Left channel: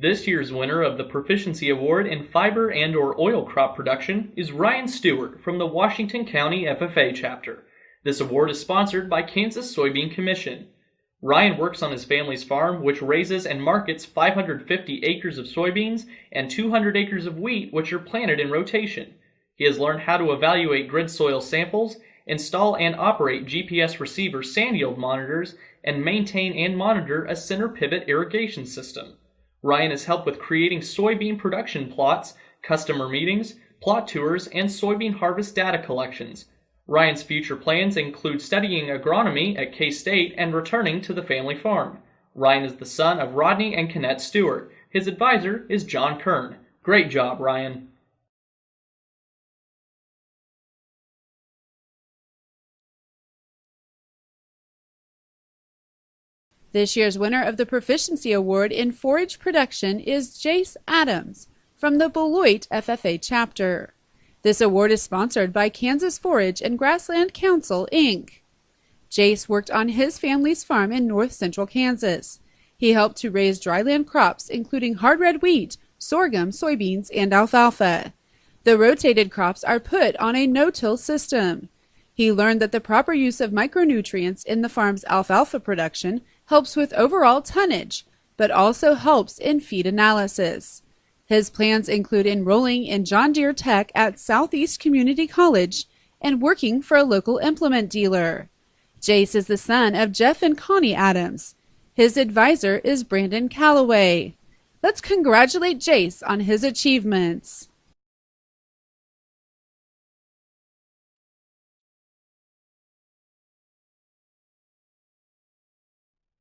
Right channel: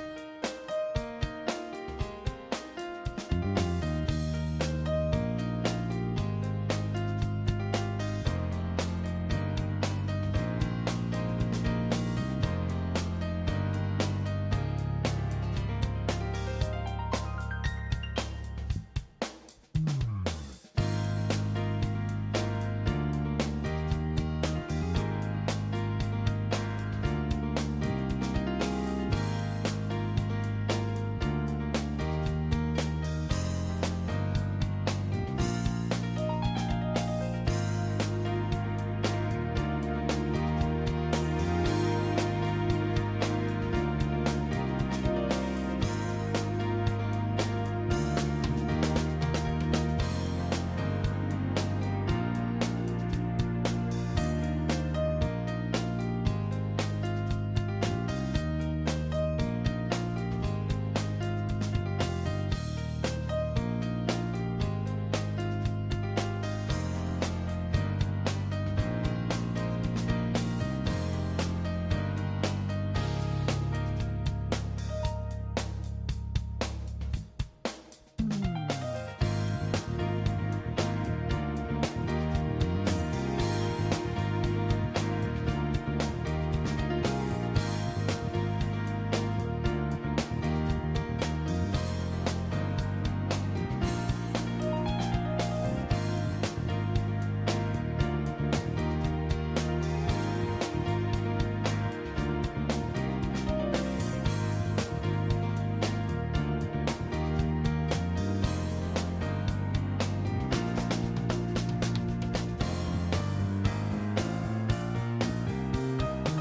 This year's winner of the Proficiency Award in fiber and/or oil crop production is Ryan Stewart from the Washington County FFA chapter. This award is sponsored by Kansas Soybean Commission. Ryan works on his family's farm, which raises and markets 550 acres of soybeans and 200 acres of wheat, which are planted in rotation. He has learned how to evaluate grid soil samples, install and operate GPS receiver sand yield monitors, and maintain and monitor a center pivot irrigation system. Ryan has helped with creating soybean production plots, customer meetings, plot tours, and soybean harvest data collections. Ryan's future plans include studying agronomy at K-State and returning to the family farm. Ryan is the son of Rodney and Kennette Stewart. His advisor is John Kern. Great job, Ryan. This year's winner of the Proficiency Award in Forage Production is Jace Adams from the Beloit FFA chapter. This award is sponsored by Kansas Forage and Grassland Council, Inc. Jace worked on his family's farm in north central Kansas. He helped to raise dryland crops including hard red wheat, sorghum, soybeans, and alfalfa. The rotated crops are put on a no-till system. He learned that the proper use of micronutrients in the farm's alfalfa production helps with overall tonnage, but also helps in feed analysis. His plans include enrolling in John Deere Tech at Southeast Community College and working for a local implement dealer. Jace is the son of Jeff and Connie Adams. His advisor is Brandon Calloway. Let's congratulate Jace on his achievements.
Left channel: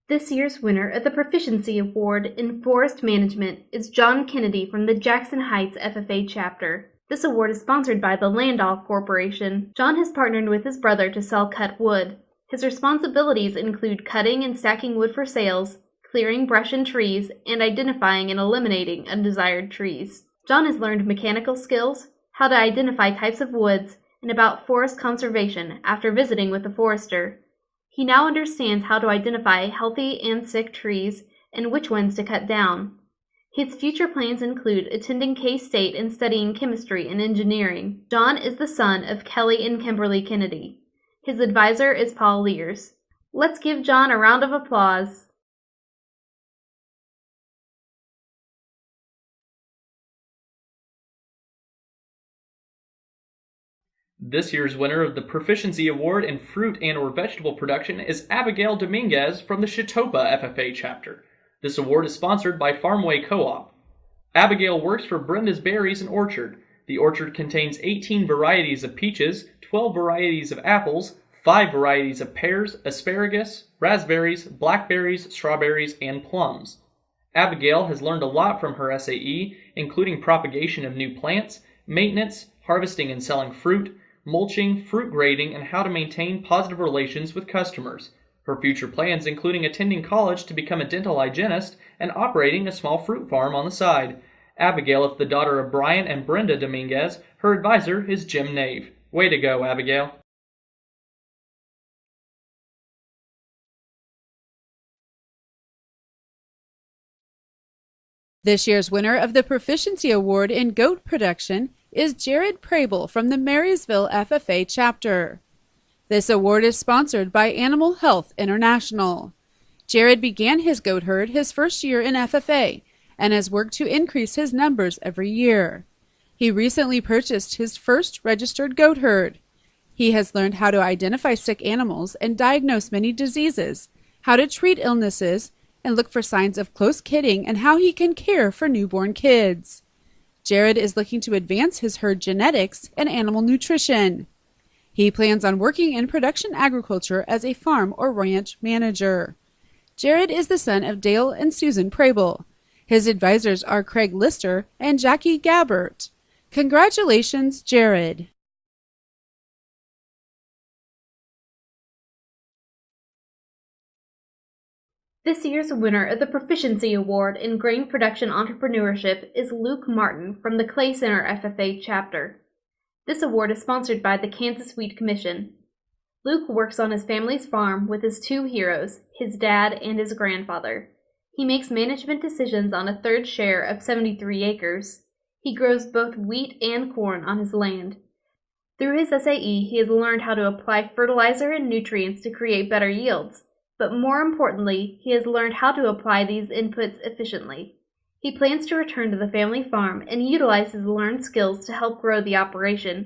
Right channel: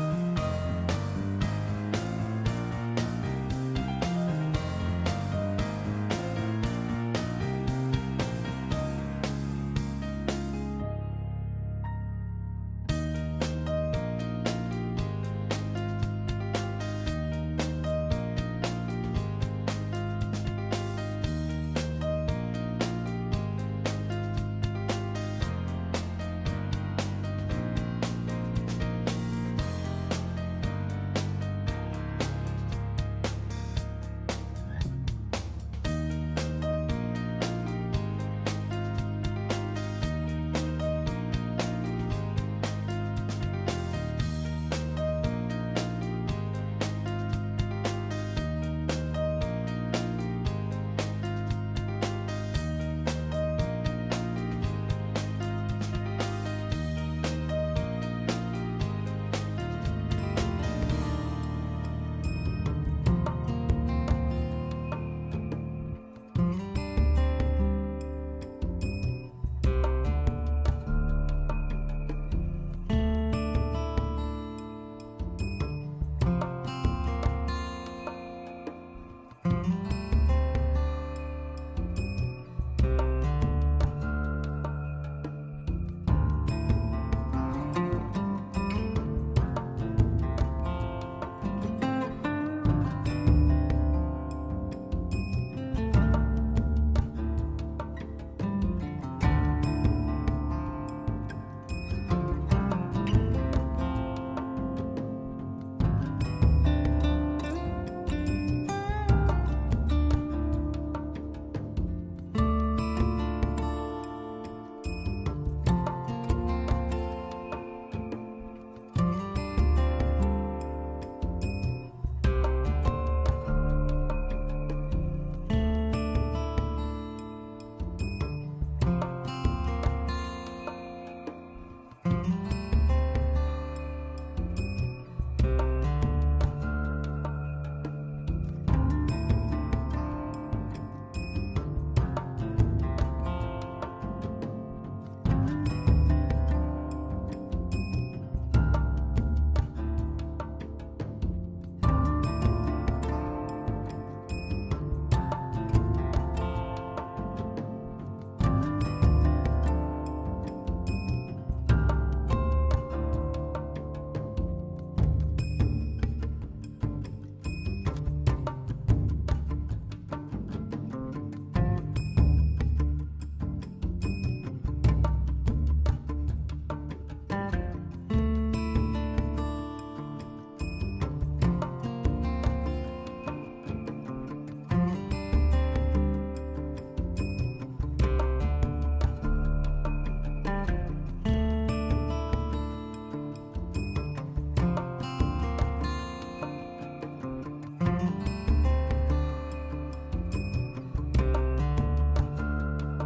This year's winner of the Proficiency Award in Forest Management is John Kennedy from the Jackson Heights FFA chapter. This award is sponsored by the Landoff Corporation. John has partnered with his brother to sell cut wood. His responsibilities include cutting and stacking wood for sales, clearing brush and trees, and identifying and eliminating undesired trees. John has learned mechanical skills, how to identify types of woods, and about forest conservation after visiting with a forester. He now understands how to identify healthy and sick trees and which ones to cut down. His future plans include attending K-State and studying chemistry and engineering. John is the son of Kelly and Kimberly Kennedy. His advisor is Paul Lears. Let's give John a round of applause. This year's winner of the Proficiency Award in Fruit and/or Vegetable Production is Abigail Dominguez from the Chitopa FFA chapter. This award is sponsored by Farmway Co-op. Abigail works for Brenda's Berries and Orchard. The orchard contains 18 varieties of peaches, 12 varieties of apples, 5 varieties of pears, asparagus, raspberries, blackberries, strawberries, and plums. Abigail has learned a lot from her SAE, including propagation of new plants, maintenance, harvesting and selling fruit, mulching, fruit grading, and how to maintain positive relations with customers. Her future plans including attending college to become a dental hygienist and operating a small fruit farm on the side. Abigail is the daughter of Brian and Brenda Dominguez. Her advisor is Jim Nave. Way to go, Abigail. This year's winner of the Proficiency Award in Goat Production is Jared Crabill from the Marysville FFA chapter. This award is sponsored by Animal Health International. Jared began his goat herd his first year in FFA and has worked to increase his numbers every year. He recently purchased his first registered goat herd. He has learned how to identify sick animals and diagnose many diseases, how to treat illnesses, and look for signs of close kidding and how he can care for newborn kids. Jared is looking to advance his herd genetics and animal nutrition. He plans on working in production agriculture as a farm or ranch manager. Jared is the son of Dale and Susan Crabill. His advisors are Craig Lister and Jackie Gabbert. Congratulations, Jared. This year's winner of the Proficiency Award in Grain Production Entrepreneurship is Luke Martin from the Clay Center FFA chapter. This award is sponsored by the Kansas Wheat Commission. Luke works on his family's farm with his two heroes, his dad and his grandfather. He makes management decisions on a third share of 73 acres. He grows both wheat and corn on his land. Through his SAE, he has learned how to apply fertilizer and nutrients to create better yields. But more importantly, he has learned how to apply these inputs efficiently. He plans to return to the family farm and utilize his learned skills to help grow the operation.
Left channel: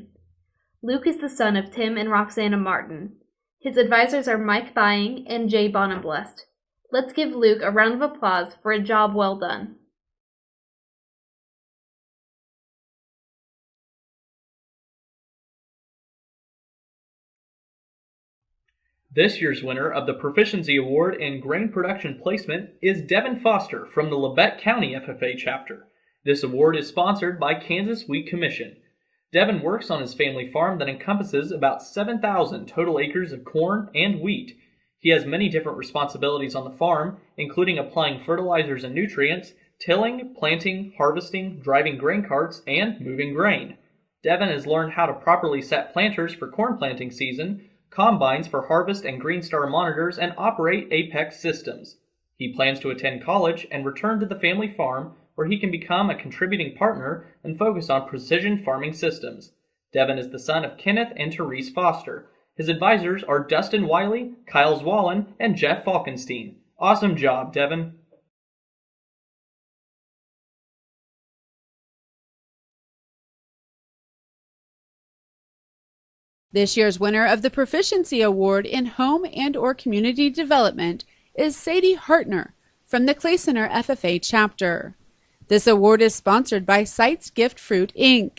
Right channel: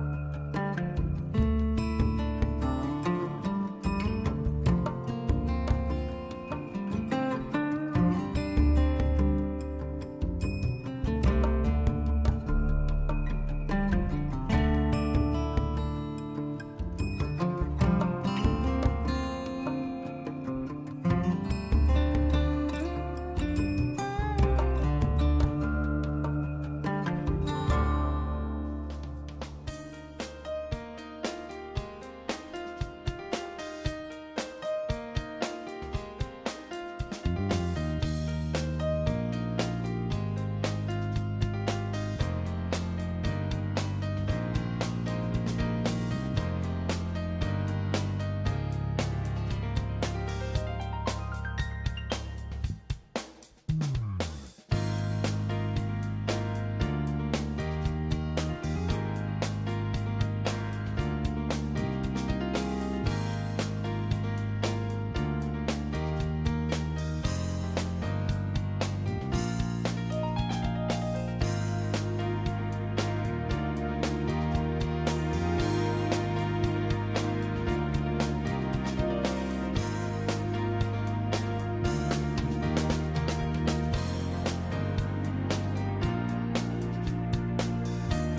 Luke is the son of Tim and Roxana Martin. His advisors are Mike Thying and Jay Bonenblest. Let's give Luke a round of applause for a job well done. This year's winner of the Proficiency Award in Grain Production Placement is Devin Foster from the Labette County FFA chapter. This award is sponsored by Kansas Wheat Commission. Devin works on his family farm that encompasses about 7,000 total acres of corn and wheat. He has many different responsibilities on the farm, including applying fertilizers and nutrients, tilling, planting, harvesting, driving grain carts, and moving grain. Devin has learned how to properly set planters for corn planting season, combines for harvest and Green Star monitors, and operate Apex systems. He plans to attend college and return to the family farm where he can become a contributing partner and focus on precision farming systems. Devin is the son of Kenneth and Therese Foster. His advisors are Dustin Wiley, Kyle Zwallen, and Jeff Falkenstein. Awesome job, Devin. This year's winner of the Proficiency Award in Home and/or Community Development is Sadie Hartner from the Clay Center FFA chapter. This award is sponsored by Sites Gift Fruit, Inc.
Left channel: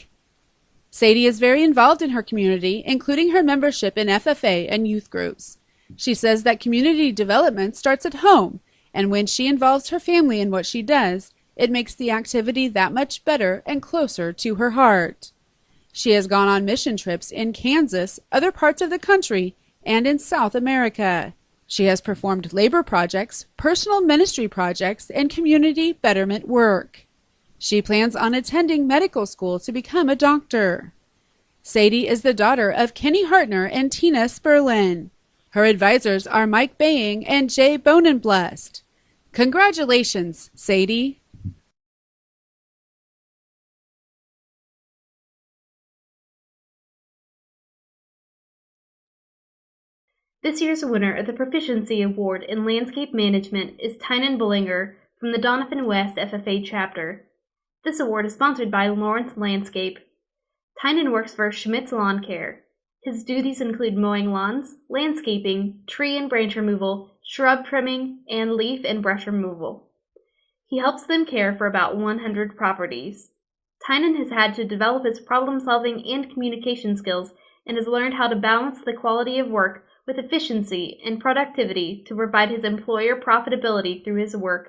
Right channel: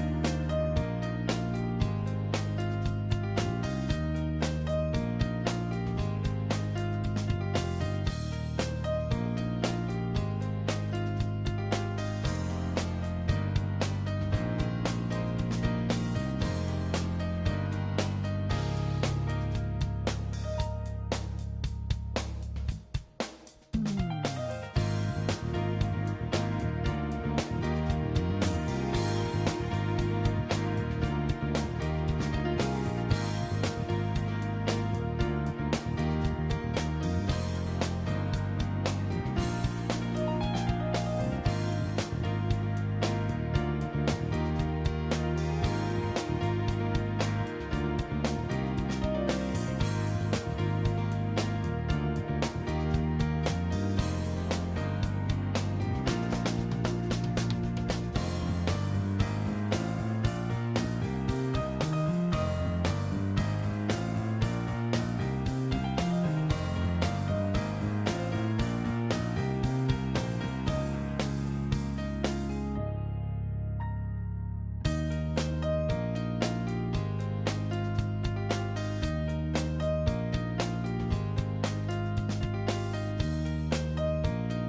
Sadie is very involved in her community, including her membership in FFA and youth groups. She says that community development starts at home, and when she involves her family in what she does, it makes the activity that much better and closer to her heart. She has gone on mission trips in Kansas, other parts of the country, and in South America. She has performed labor projects, personal ministry projects, and community betterment work. She plans on attending medical school to become a doctor. Sadie is the daughter of Kenny Hartner and Tina Sperlin. Her advisors are Mike Baying and Jay Bonenblest. Congratulations, Sadie! This year's winner of the Proficiency Award in Landscape Management is Tynan Bolinger from the Doniphan West FFA chapter. This award is sponsored by Lawrence Landscape. Tynan works for Schmidt's Lawn Care. His duties include mowing lawns, landscaping, tree and branch removal, shrub trimming, and leaf and brush removal. He helps them care for about 100 properties. Tynan has had to develop his problem-solving and communication skills and has learned how to balance the quality of work with efficiency and productivity to provide his employer profitability through his work.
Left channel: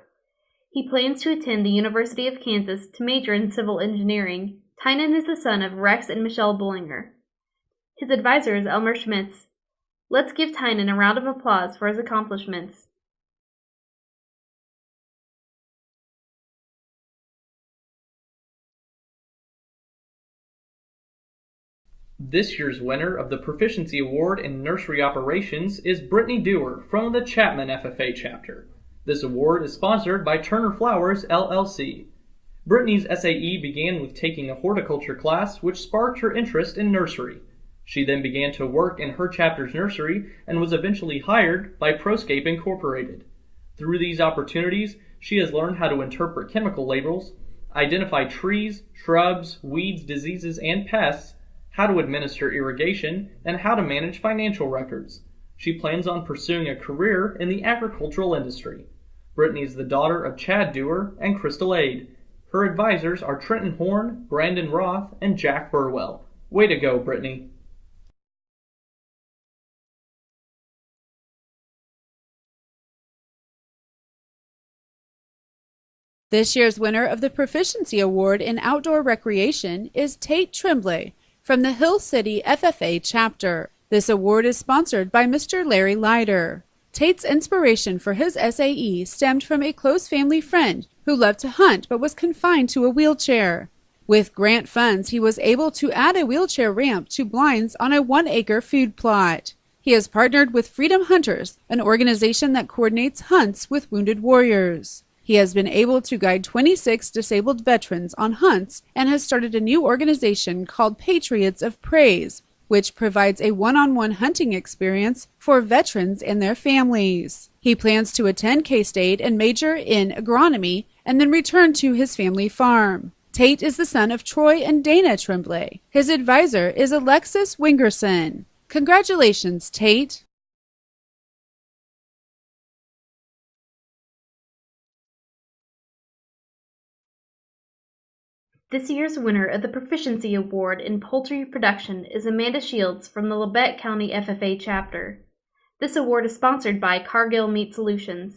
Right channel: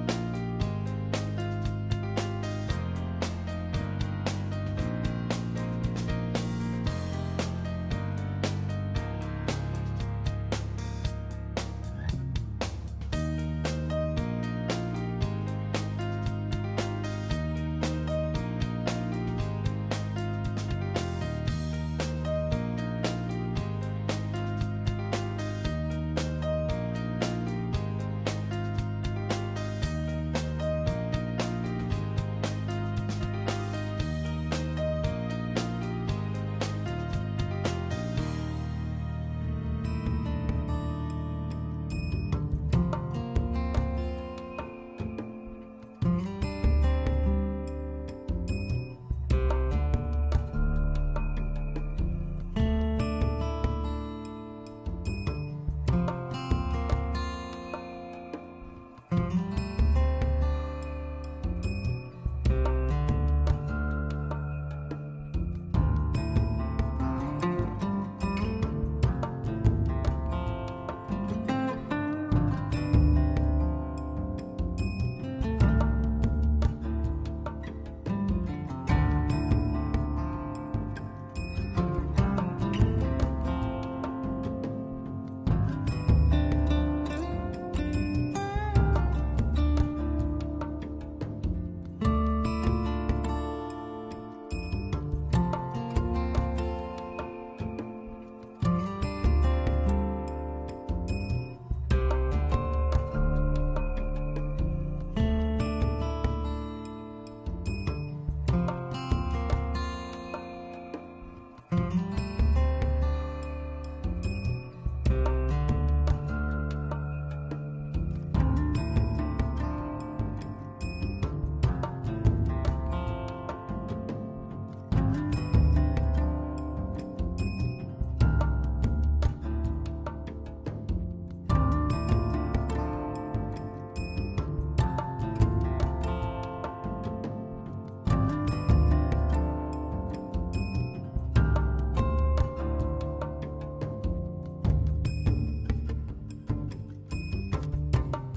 He plans to attend the University of Kansas to major in civil engineering. Tynan is the son of Rex and Michelle Bolinger. His advisor is Elmer Schmitz. Let's give Tynan a round of applause for his accomplishments. This year's winner of the Proficiency Award in Nursery Operations is Brittany Dewar from the Chapman FFA chapter. This award is sponsored by Turner Flowers, LLC. Brittany's SAE began with taking a horticulture class which sparked her interest in nursery. She then began to work in her chapter's nursery and was eventually hired by Proscape Incorporated. Through these opportunities, she has learned how to interpret chemical labels, identify trees, shrubs, weeds, diseases, and pests, how to administer irrigation, and how to manage financial records. She plans on pursuing a career in the agricultural industry. Brittany is the daughter of Chad Dewar and Crystal Ade. Her advisors are Trenton Horn, Brandon Roth, and Jack Burwell. Way to go, Brittany. This year's winner of the Proficiency Award in Outdoor Recreation is Tate Tremblay from the Hill City FFA chapter. This award is sponsored by Mr. Larry Leiter. Tate's inspiration for his SAE stemmed from a close family friend who loved to hunt but was confined to a wheelchair. With grant funds, he was able to add a wheelchair ramp to blinds on a 1-acre food plot. He has partnered with Freedom Hunters, an organization that coordinates hunts with wounded warriors. He has been able to guide 26 disabled veterans on hunts and has started a new organization called Patriots of Praise, which provides a one-on-one hunting experience for veterans and their families. He plans to attend K-State and major in agronomy and then return to his family farm. Tate is the son of Troy and Dana Tremblay. His advisor is Alexis Wingerson. Congratulations, Tate! This year's winner of the Proficiency Award in Poultry Production is Amanda Shields from the Labette County FFA chapter. This award is sponsored by Cargill Meat Solutions.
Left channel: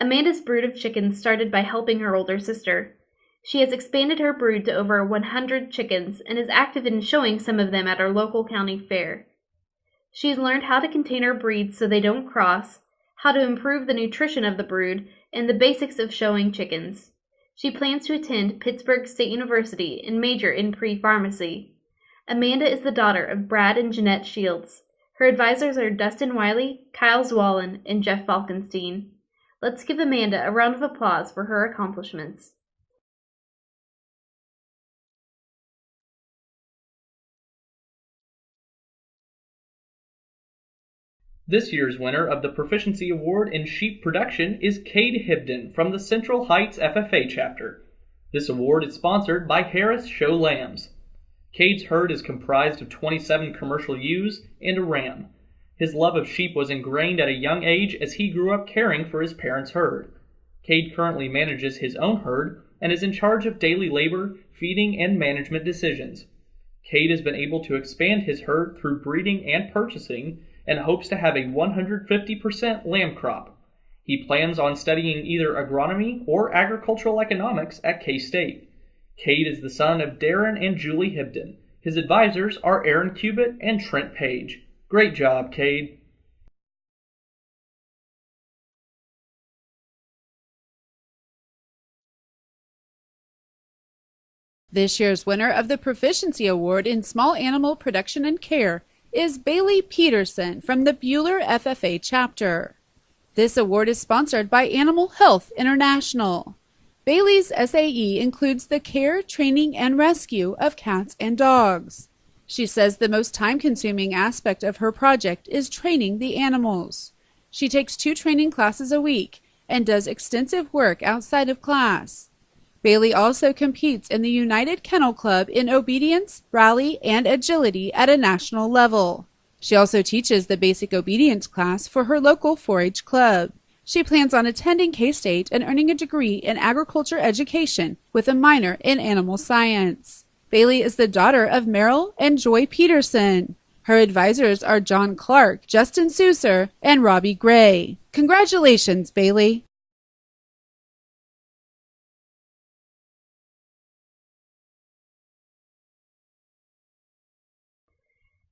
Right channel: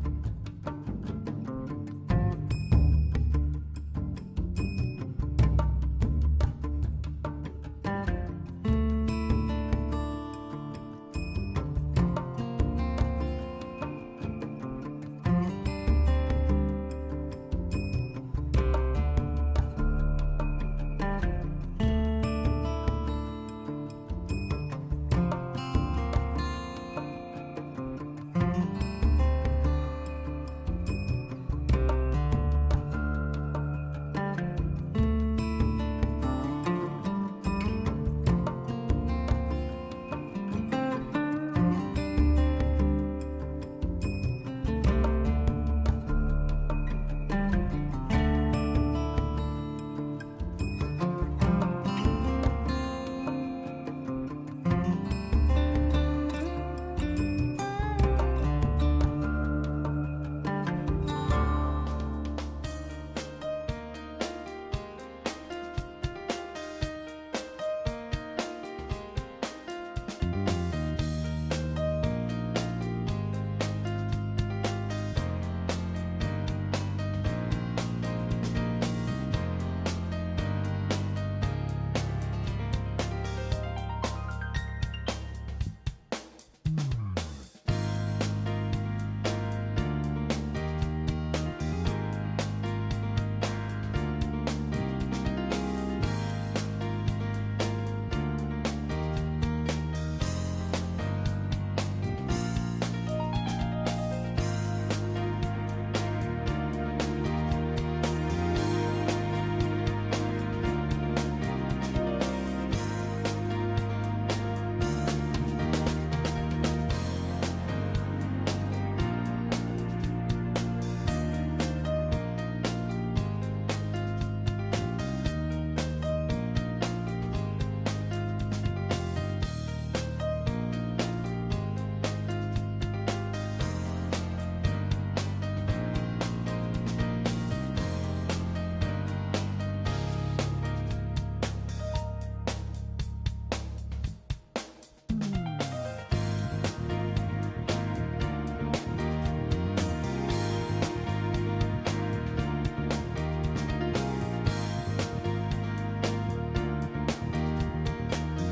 Amanda's brood of chickens started by helping her older sister. She has expanded her brood to over 100 chickens and is active in showing some of them at our local county fair. She has learned how to contain her breeds so they don't cross, how to improve the nutrition of the brood, and the basics of showing chickens. She plans to attend Pittsburgh State University and major in pre-pharmacy. Amanda is the daughter of Brad and Jeanette Shields. Her advisors are Dustin Wiley, Kyle Zwallen, and Jeff Falkenstein. Let's give Amanda a round of applause for her accomplishments. This year's winner of the Proficiency Award in Sheep Production is Cade Hibdon from the Central Heights FFA chapter. This award is sponsored by Harris Show Lambs. Cade's herd is comprised of 27 commercial ewes and a ram. His love of sheep was ingrained at a young age as he grew up caring for his parents' herd. Cade currently manages his own herd and is in charge of daily labor, feeding, and management decisions. Cade has been able to expand his herd through breeding and purchasing and hopes to have a 150% lamb crop. He plans on studying either agronomy or agricultural economics at K-State. Cade is the son of Darren and Julie Hibdon. His advisors are Aaron Cubitt and Trent Page. Great job, Cade. This year's winner of the Proficiency Award in Small Animal Production and Care is Bailey Peterson from the Bueller FFA chapter. This award is sponsored by Animal Health International. Bailey's SAE includes the care, training, and rescue of cats and dogs. She says the most time-consuming aspect of her project is training the animals. She takes 2 training classes a week and does extensive work outside of class. Bailey also competes in the United Kennel Club in obedience, rally, and agility at a national level. She also teaches the basic obedience class for her local 4-H club. She plans on attending K-State and earning a degree in agriculture education with a minor in animal science. Bailey is the daughter of Merrill and Joy Peterson. Her advisors are John Clark, Justin Souser, and Robbie Gray. Congratulations, Bailey!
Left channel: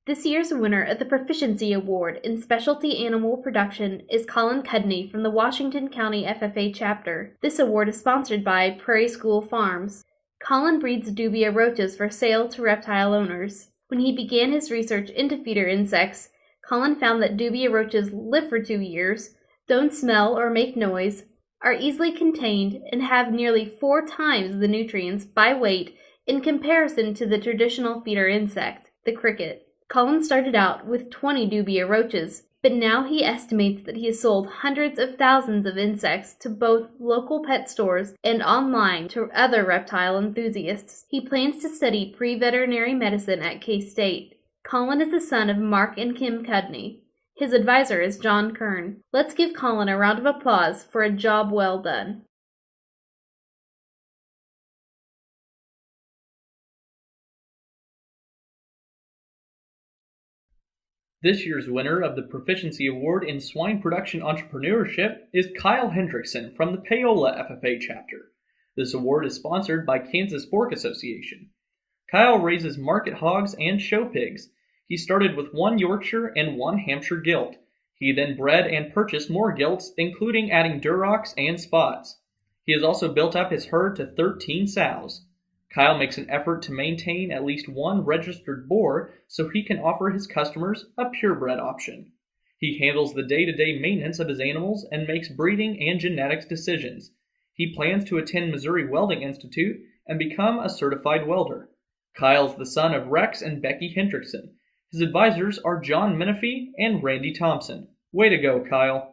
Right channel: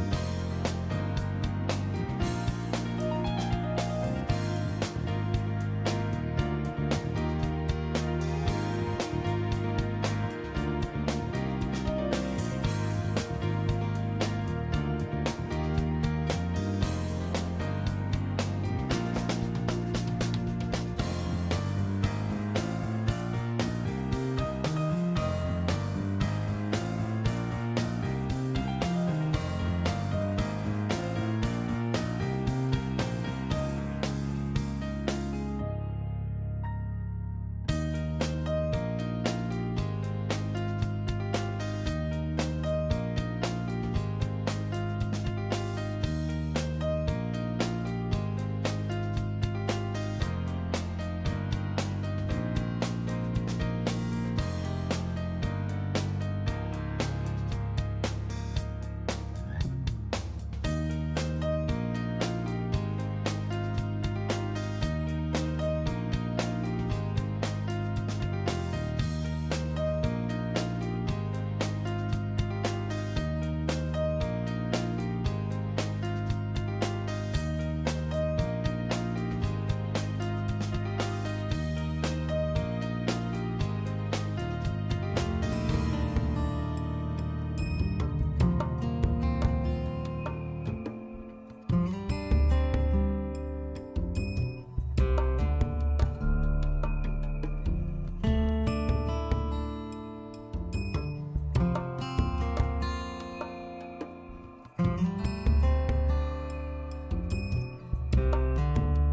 This year's winner of the Proficiency Award in Specialty Animal Production is Colin Cudney from the Washington County FFA chapter. This award is sponsored by Prairie School Farms. Colin breeds dubia roaches for sale to reptile owners. When he began his research into feeder insects, Colin found that dubia roaches live for 2 years, don't smell or make noise, are easily contained, and have nearly 4 times the nutrients by weight in comparison to the traditional feeder insect, the cricket. Colin started out with 20 dubia roaches, but now he estimates that he has sold hundreds of thousands of insects to both local pet stores and online to other reptile enthusiasts. He plans to study pre-veterinary medicine at K-State. Colin is the son of Mark and Kim Cudney. His advisor is John Kern. Let's give Colin a round of applause for a job well done. This year's winner of the Proficiency Award in Swine Production Entrepreneurship is Kyle Hendrickson from the Paola FFA chapter. This award is sponsored by Kansas Pork Association. Kyle raises market hogs and show pigs. He started with 1 Yorkshire and 1 Hampshire gilt. He then bred and purchased more gilts, including adding Durocs and spots. He has also built up his herd to 13 sows. Kyle makes an effort to maintain at least 1 registered boar so he can offer his customers a purebred option. He handles the day-to-day maintenance of his animals and makes breeding and genetics decisions. He plans to attend Missouri Welding Institute and become a certified welder. Kyle is the son of Rex and Becky Hendrickson. His advisors are John Menifee and Randy Thompson. Way to go, Kyle.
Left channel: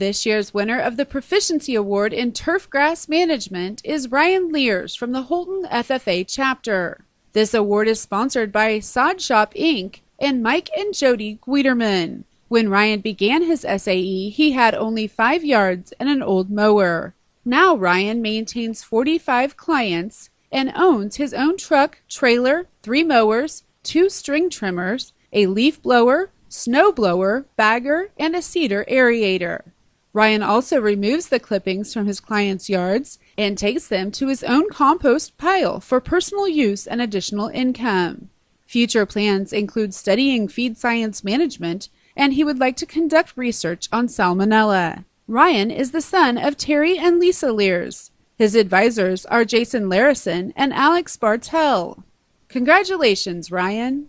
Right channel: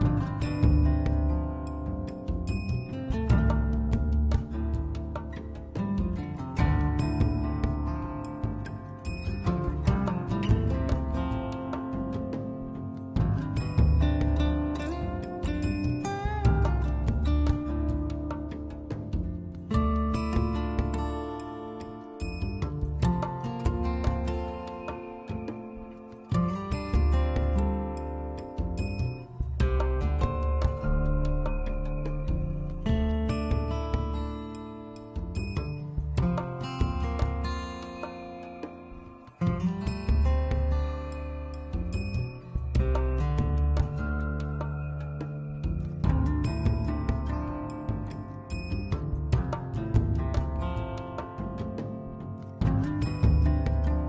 This year's winner of the Proficiency Award in Turfgrass Management is Ryan Lears from the Holton FFA chapter. This award is sponsored by Sod Shop Inc. and Mike and Jody Guiderman. When Ryan began his SAE, he had only 5 yards and an old mower. Now Ryan maintains 45 clients and owns his own truck, trailer, 3 mowers, 2 string trimmers, a leaf blower, snow blower, bagger, and a cedar aerator. Ryan also removes the clippings from his clients' yards and takes them to his own compost pile for personal use and additional income. Future plans include studying feed science management, and he would like to conduct research on salmonella. Ryan is the son of Terry and Lisa Lears. His advisors are Jason Larison and Alex Bartel. Congratulations, Ryan!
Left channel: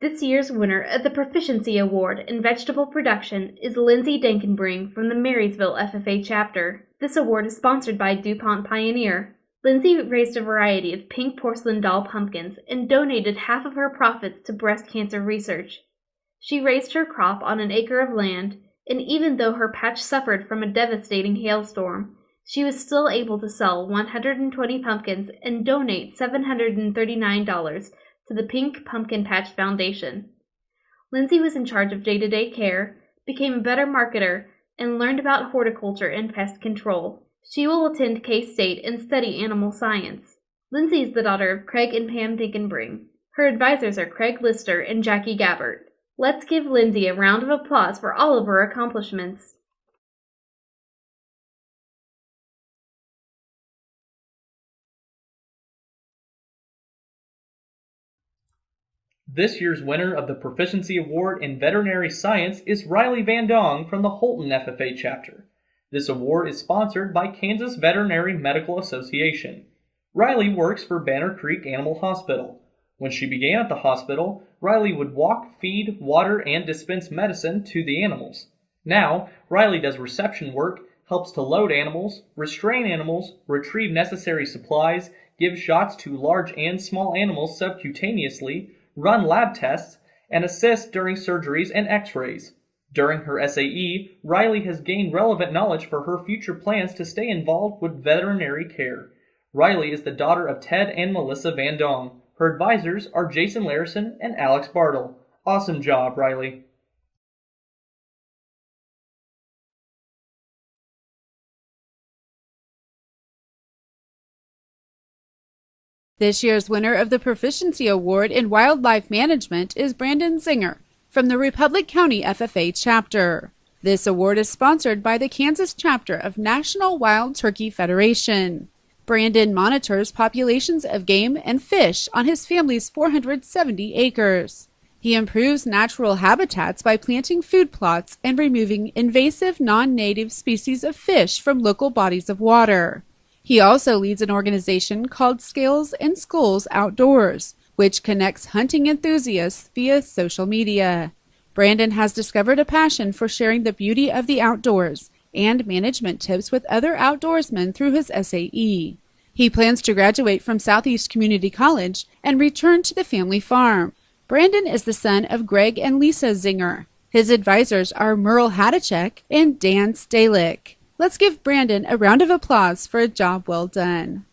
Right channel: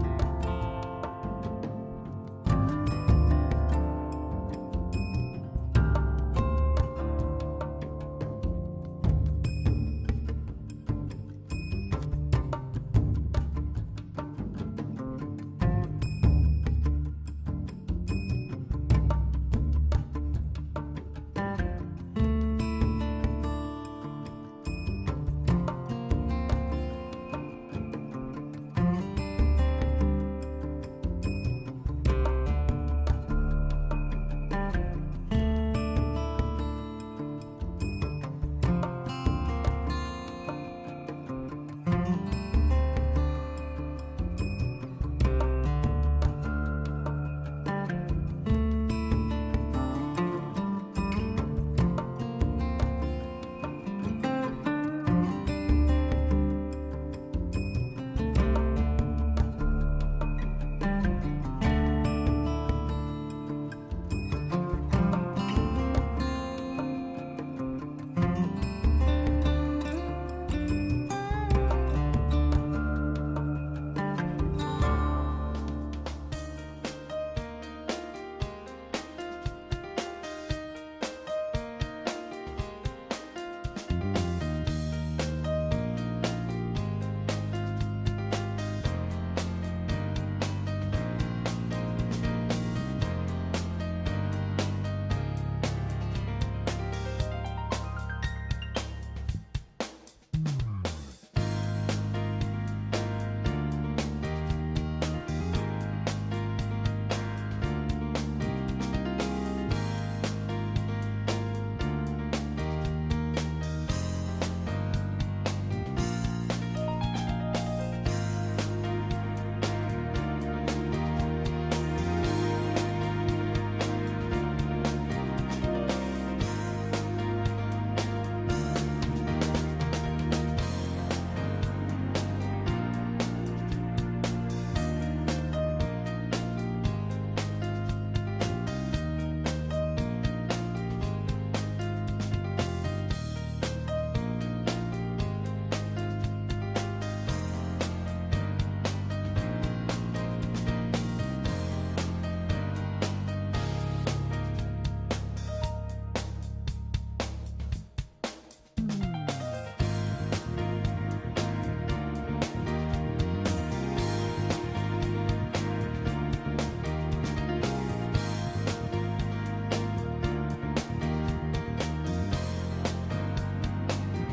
This year's winner of the Proficiency Award in Vegetable Production is Lindsay Denken from the Marysville FFA chapter. This award is sponsored by DuPont Pioneer. Lindsay raised a variety of pink porcelain doll pumpkins and donated half of her profits to breast cancer research. She raised her crop on an acre of land, and even though her patch suffered from a devastating hailstorm, she was still able to sell 120 pumpkins and donate $739 to the Pink Pumpkin Patch Foundation. Lindsay was in charge of day-to-day care, became a better marketer, and learned about horticulture and pest control. She will attend K-State and study animal science. Lindsay is the daughter of Craig and Pam Dinkenbring. Her advisors are Craig Lister and Jackie Gabbert. Let's give Lindsay a round of applause for all of her accomplishments. This year's winner of the Proficiency Award in Veterinary Science is Riley Vandome from the Holton FFA chapter. This award is sponsored by Kansas Veterinary Medical Association. Riley works for Banner Creek Animal Hospital. When she began at the hospital, Riley would walk, feed, water, and dispense medicine to the animals. Now, Riley does reception work, helps to load animals, restrain animals, retrieve necessary supplies, give shots to large and small animals subcutaneously, run lab tests, and assist during surgeries and x-rays. During her SAE, Riley has gained relevant knowledge for her future plans to stay involved with veterinary care. Riley is the daughter of Ted and Melissa Vandome. Her advisors are Jason Larison and Alex Bartle. Awesome job, Riley. This year's winner of the Proficiency Award in Wildlife Management is Brandon Zinger from the Republic County FFA chapter. This award is sponsored by the Kansas chapter of National Wild Turkey Federation. Brandon monitors populations of game and fish on his family's 470 acres. He improves natural habitats by planting food plots and removing invasive non-native species of fish from local bodies of water. He also leads an organization called Scales and Skulls Outdoors, which connects hunting enthusiasts via social media. Brandon has discovered a passion for sharing the beauty of the outdoors and management tips with other outdoorsmen through his SAE. He plans to graduate from Southeast Community College and return to the family farm. Brandon is the son of Greg and Lisa Zinger. His advisors are Merle Hadachek and Dan Stalick. Let's give Brandon a round of applause for a job well done.